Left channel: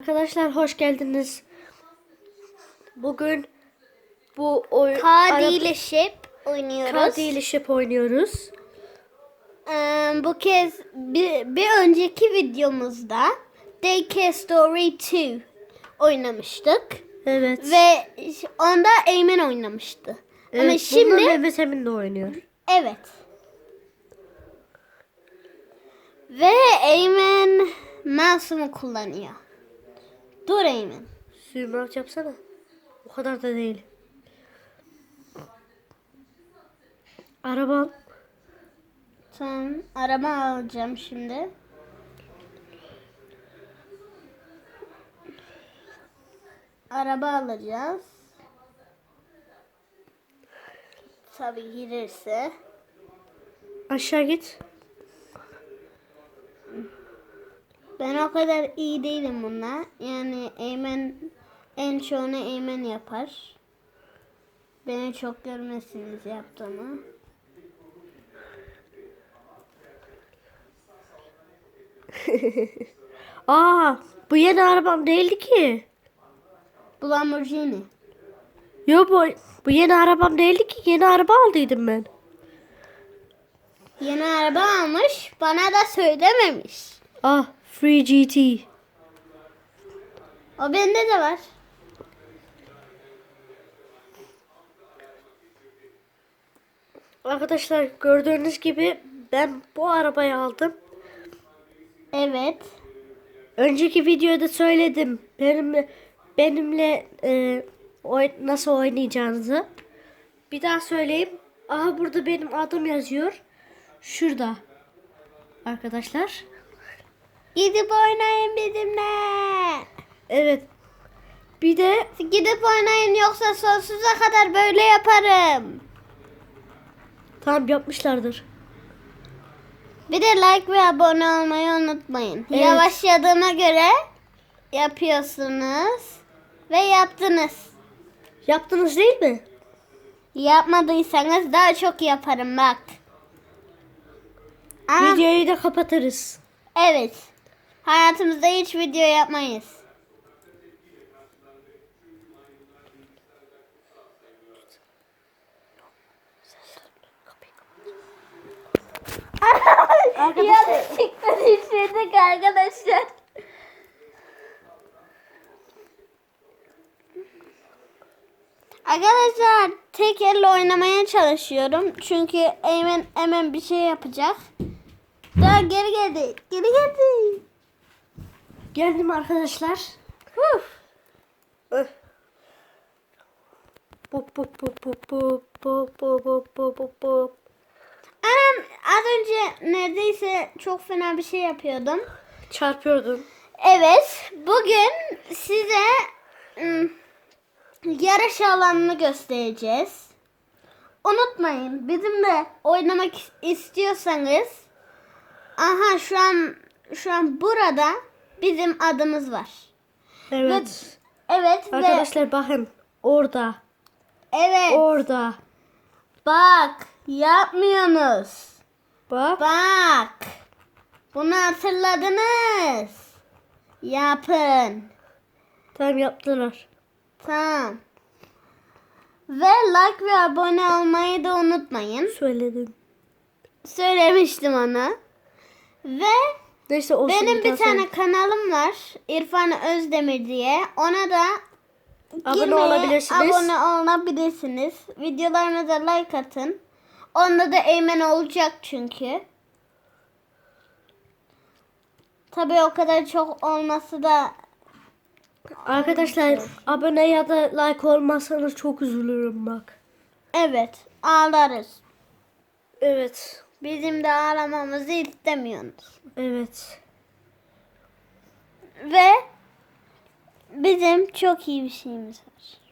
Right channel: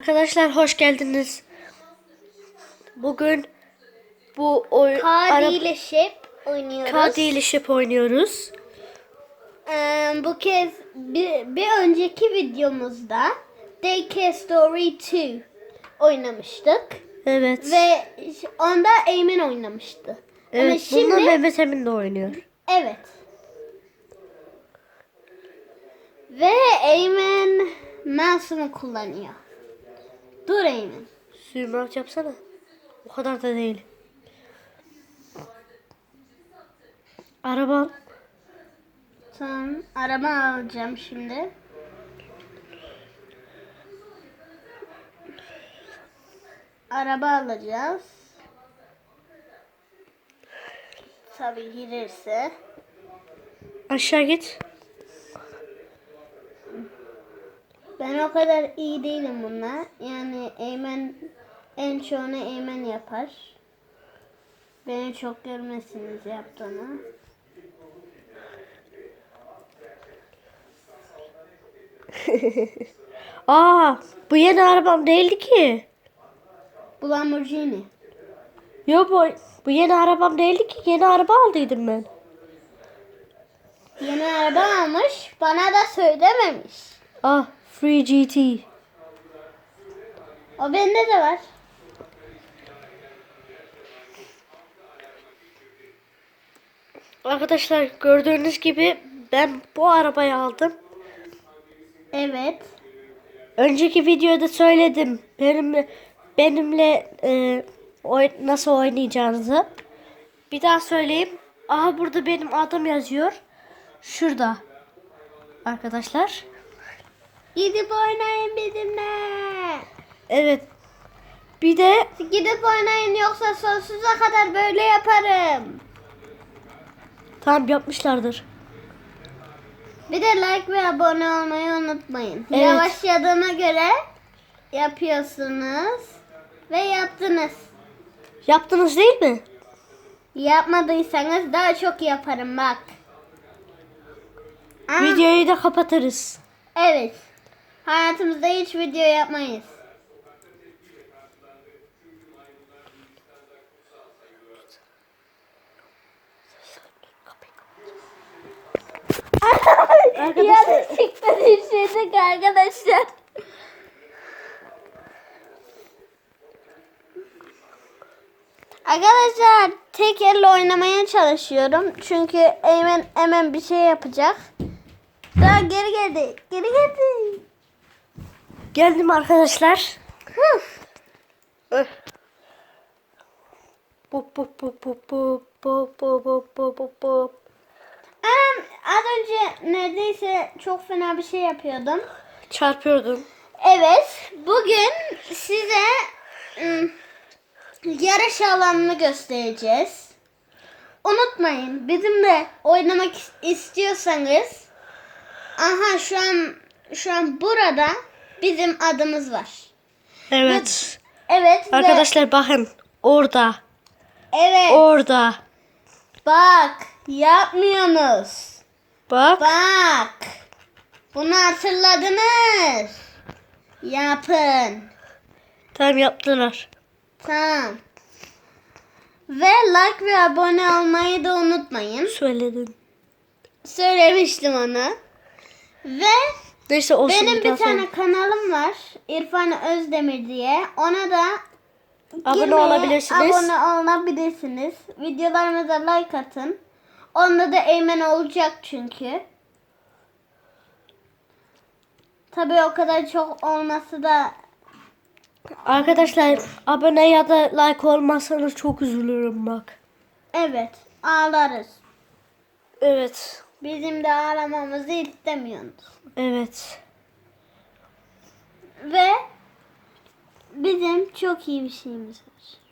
Arkadaşlar hoş geldiniz. Bugün bu oyun Kadi ile Ship oynuyoruz. Kadi ile Ship oynuyoruz. Ee, bu kez bir, bir önceki videomuzda Daycare Story 2 oynamıştık. Evet. Ve onda Eymen oynamıştı. Ama evet şimdi bunda Mehmet Emin de oynuyor. evet. Ve Eymen mouse'umu kullanıyor. Dur Eymen. Sürmürat yapsana. O kadar da değil. Arabam. Tamam. Araba alacağım şimdi. Araba alacağız. Tabii girerse. Aşağı git. Ben o kadar iyi değilim bunlar. Yani Eymen en çoğunu Eymen yapar. Beni çok görmezsiniz yaptığını. Aa, bu yeni arabam değildi ki. Bu Lamborghini. Yo bu bu yeni arabam değildi ki. Yeni araba aldıydım ben. Yeni araba almış. Bana da söylememiş. Ah, Free GT. O bende de var. Arkadaşlar gördüğünüz gibi ben bu arabayı aldım. Evet. Önceki videoda söyledim. Benimle benimle e, oy- nasıl oynayacağınızı. Bir daha söyleyeyim. Aha burada benim adım yazıyor. Şurada. Arkadaşlar. Gidip oynayın bizimle. Evet. Bir de Gidip oynayın yoksa sonsuza kadar böyle yaparım. tam yapmışlardır. Bir de like ve abone olmayı unutmayın. Evet. Yavaşladığına göre yapıyorsunuz ve yaptınız. Yaptınız değil mi? Yapmadıysanız daha çok yaparım bak. Videoyu da kapatırız. evet. Hayatımızda hiç video yapmayız. Yanlışlıkla düşürdük arkadaşlar. Arkadaşlar tek elle oynamaya çalışıyorum. Çünkü Eymen hemen bir şey yapacak. Daha geri geldi. Geri geldi. Geldim arkadaşlar. Pop pop pop pop pop pop pop pop pop pop. Anam az önce neredeyse çok fena bir şey yapıyordum. Çarpıyordum. Evet, bugün size ım, yarış alanını göstereceğiz. Unutmayın, bizimle oynamak is- istiyorsanız aha şu an şu an burada bizim adımız var. Evet. Evet ve- Arkadaşlar bakın orada. evet Orada. bak yapmıyorsunuz. Bak. Bak. Bunu hatırladınız. Yapın. Tamam yaptılar. Tamam. Ve like ve abone olmayı da unutmayın. Söyledim. Söylemiştim onu. Ve Neyse olsun benim bir tane söyle. kanalım var. İrfan Özdemir diye. Ona da Abone girmeyi, olabilirsiniz. Abone olabilirsiniz. Videolarımıza like atın. Onda da Eymen olacak çünkü. Tabii o kadar çok olması da Arkadaşlar abone ya da like olmazsanız çok üzülürüm bak. evet ağlarız. Evet. Bizim de ağlamamızı istemiyorsunuz. Evet. Ve bizim çok iyi bir şeyimiz var.